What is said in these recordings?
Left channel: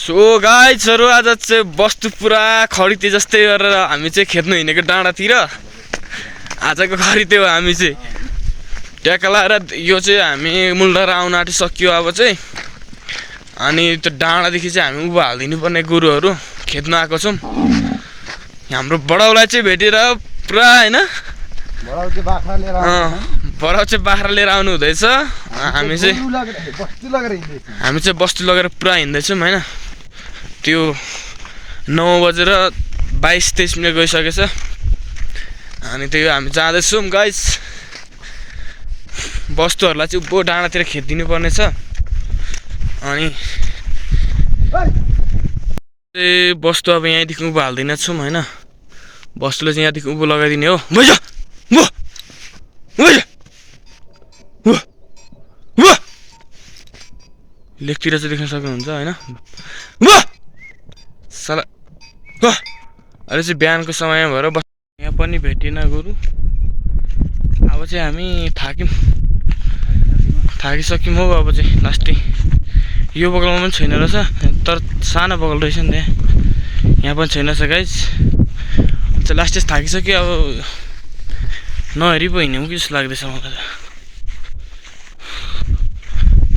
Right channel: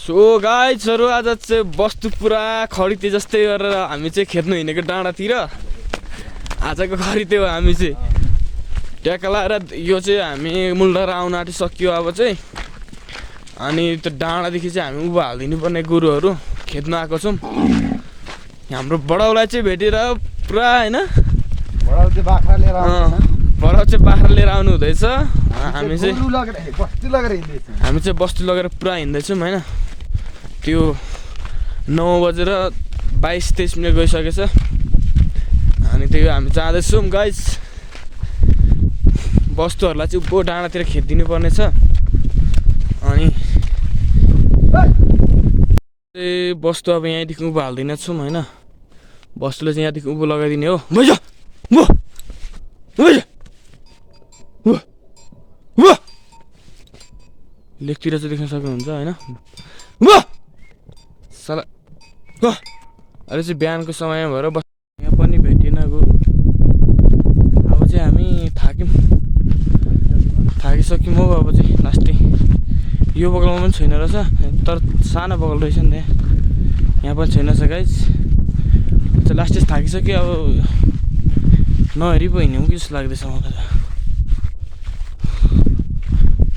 So गाइजहरु आज चाहिँ वस्तु पुरा खरिते जस्तै गरेर हामी चाहिँ खेद्नु हिँडेको डाँडातिर आजको खरिते हो। हामी चाहिँ ट्याक्क लाएर यो चाहिँ हामी मुलडाँडा आउन आँटिसक्यो अब चाहिँ। अनि त्यो डाँडादेखि चाहिँ हामी उभो हालिदिनु पर्ने गोरुहरू खेद्न आएको छौँ। हाम्रो बडाउलाई चाहिँ भेटेर पुरा हैन बडाउ चाहिँ बाख्रा लिएर आउनु हुँदैछ। हामी चाहिँ बस्तु लगेर पुरा हिँड्दैछौँ हैन। त्यो 9 बजेर 22-23 मिनट गइसकेछ। अनि त्यही हामी जाँदैछौँ गाइस। वस्तुहरूलाई चाहिँ उभो डाँडातिर खेदिनु पर्ने छ। अनि वस्तु अब यहाँदेखि उभो हाल्दैन छौँ हैन। वस्तुले चाहिँ यहाँदेखि उभो लगाइदिने हो। भइज वो भइज वो वो लेखतिर चाहिँ देख्न सक्नुहुन्छ हैन। वो साला वो अहिले चाहिँ बिहानको समय भएर यहाँ पनि भेटिएन गोरु। अब चाहिँ हामी थाकिसक्यौँ हो। अब चाहिँ लास्टै यो बगलमा पनि छैन रहेछ, तर सानो बगल रहेछ नि त्यहाँ, यहाँ पनि छैन छ गाइस। चाहिँ लास्ट चाहिँ थाकिसक्यो। अब नहेरी पो हिँड्यौँ कि जस्तो लाग्दैछ मलाई त।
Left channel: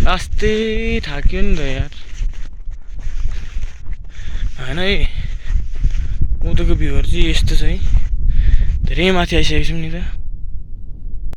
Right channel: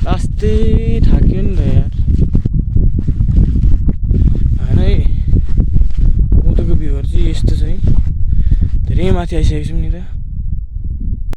लास्टै थाक्यो नि त यार होइन है। उताको भ्यूहरू चाहिँ यस्तो छ है, धेरै माथि आइसकेको छौँ नि त।